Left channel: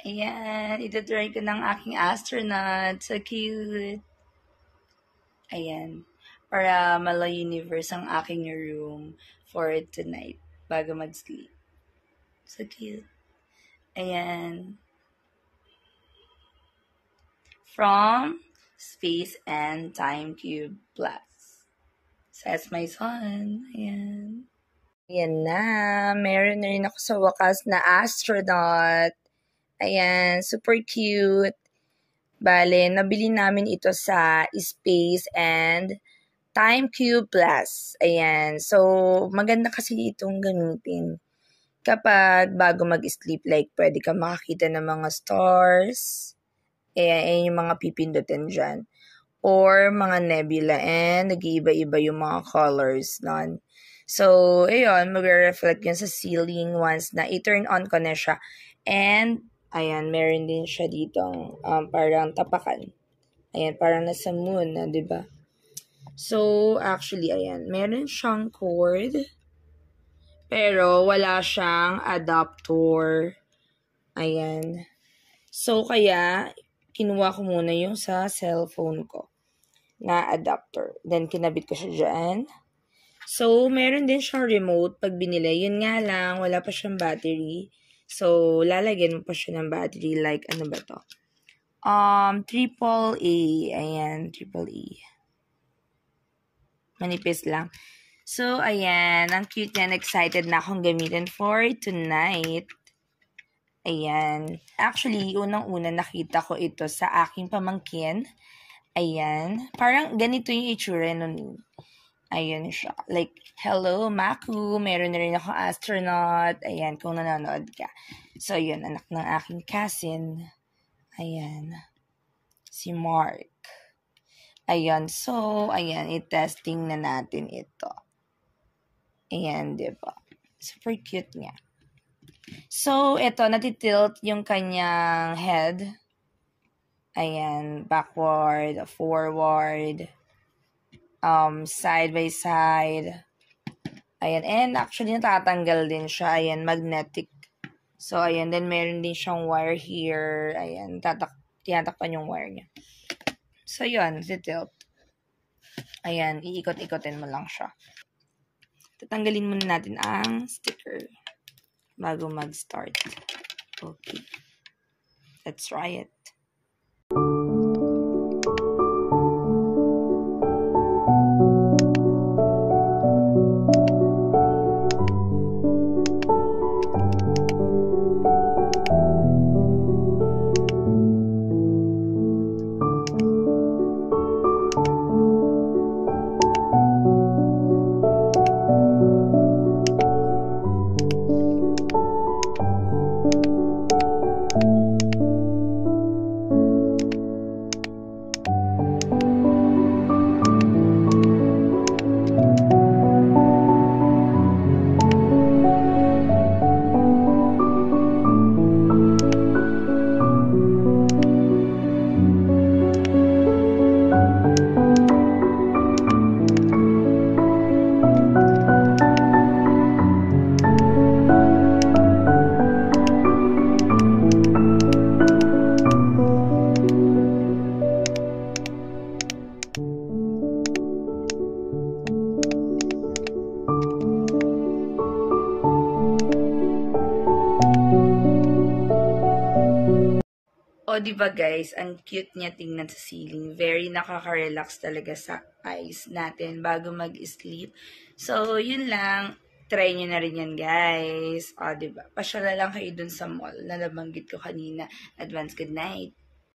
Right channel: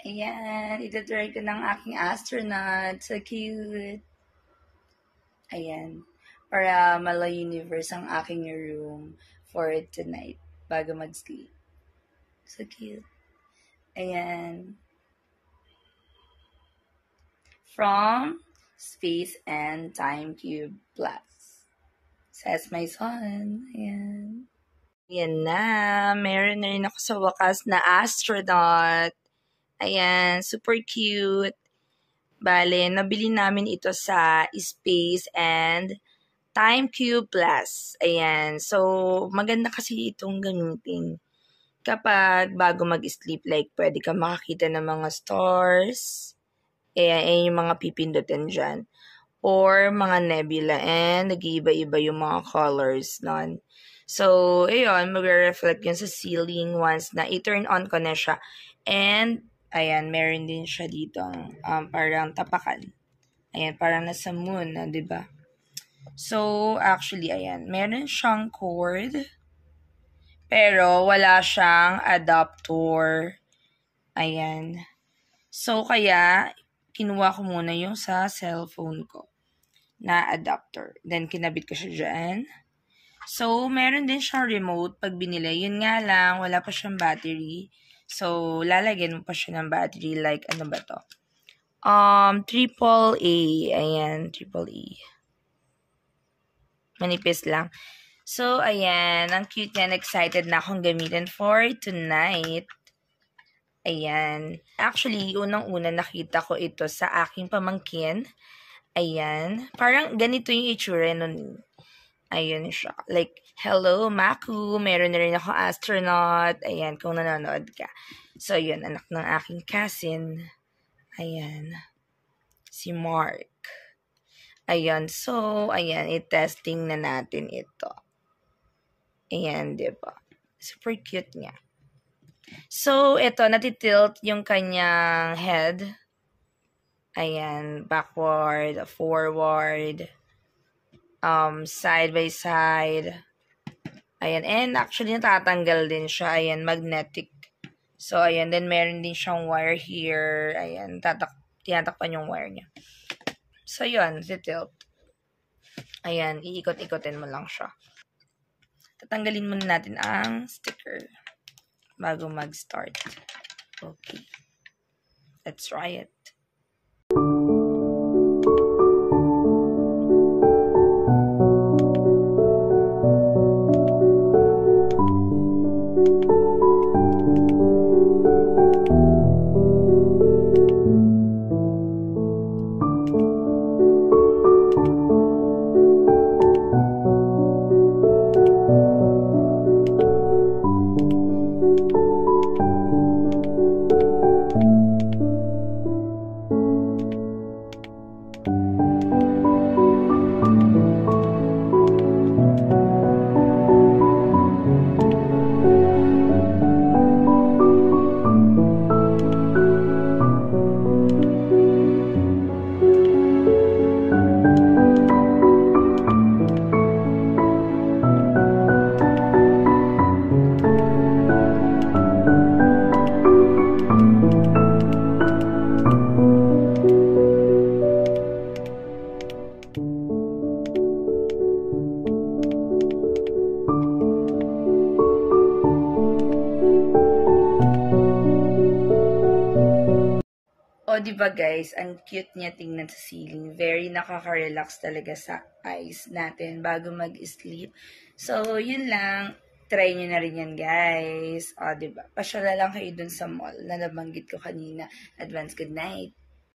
Ayan, ito-try ko ng aking astronaut. So cute. Ayan. Para mala-universe ang aking room for tonight bago mag-sleep. So cute. Ayan. From Space and Time Cube Plus. Says my son. Ayan. Ayan na. Meron na rin ako sa wakas na astronaut. Ayan. Super cute. Bale, nabili namin ito sa Space and Time Cube Plus. Ayan. So, maganda kasi itong gamitin. Kapag bago mag-sleep, like, pwede ka makakita ng mga stars. Ayan yung mga pipindutin dyan. Or mga nebula. And nag-iiba-iba yung mga colors nun. So, ayun, magre-reflect yun sa ceiling once na i-turn on ko na siya. And, ayan, meron din siya dito parang tapakan. Ayan, parang nasa moon na, diba? So, actually, ayan, meron siyang cord. Pero, wala siyang adapter. Ayan. So, kaya, kinuha ko muna yung sa cellphone ko na adapter. Then, kinabit ko siya dyan. So, meron din siyang remote pag binili. Yun nga lang, wala pa siyang battery. So, lalagyan mo pa siya ng battery. Like, ano ba to? AAA. Ayan, AAA. Manipis lang. So, ayan. Ang cute niyan. Excited na akong gamitin for tonight. Ayan. Actually, unang-una nakita ko ito sa aking pamangkin. Ayan. Parang ganito yung itsura nun. Ayan siya. Like, hello, Maku. Meron na rin ako astronaut. Ayan, kung nanonood ka. So, yun, anak ng aking cousin. Ayan. Si Mark. Ayan. So, ayan, i-testing na natin ito. Ayan, diba? Super cute niya. So, ito, natitilt yung kanyang head. Ayan, backward, forward, side by side. Ayan, and actually natatanggal din siya. Ayan, magnetic. So, ayan, then meron din siyang wire here. Ayan, tinatakpan yung wire niya. So, yun, tilt. Ayan, iikot-ikotin mo lang siya. Tatanggalin muna natin ang sticker bago mag-start. Okay. Let's try it. O, diba guys, ang cute niya tingnan sa ceiling. Very nakaka-relax talaga sa eyes natin bago mag-sleep. So, yun lang. Try nyo na rin yan, guys. O, diba? Pasyala lang kayo dun sa mall na nabanggit ko kanina. Advance good night.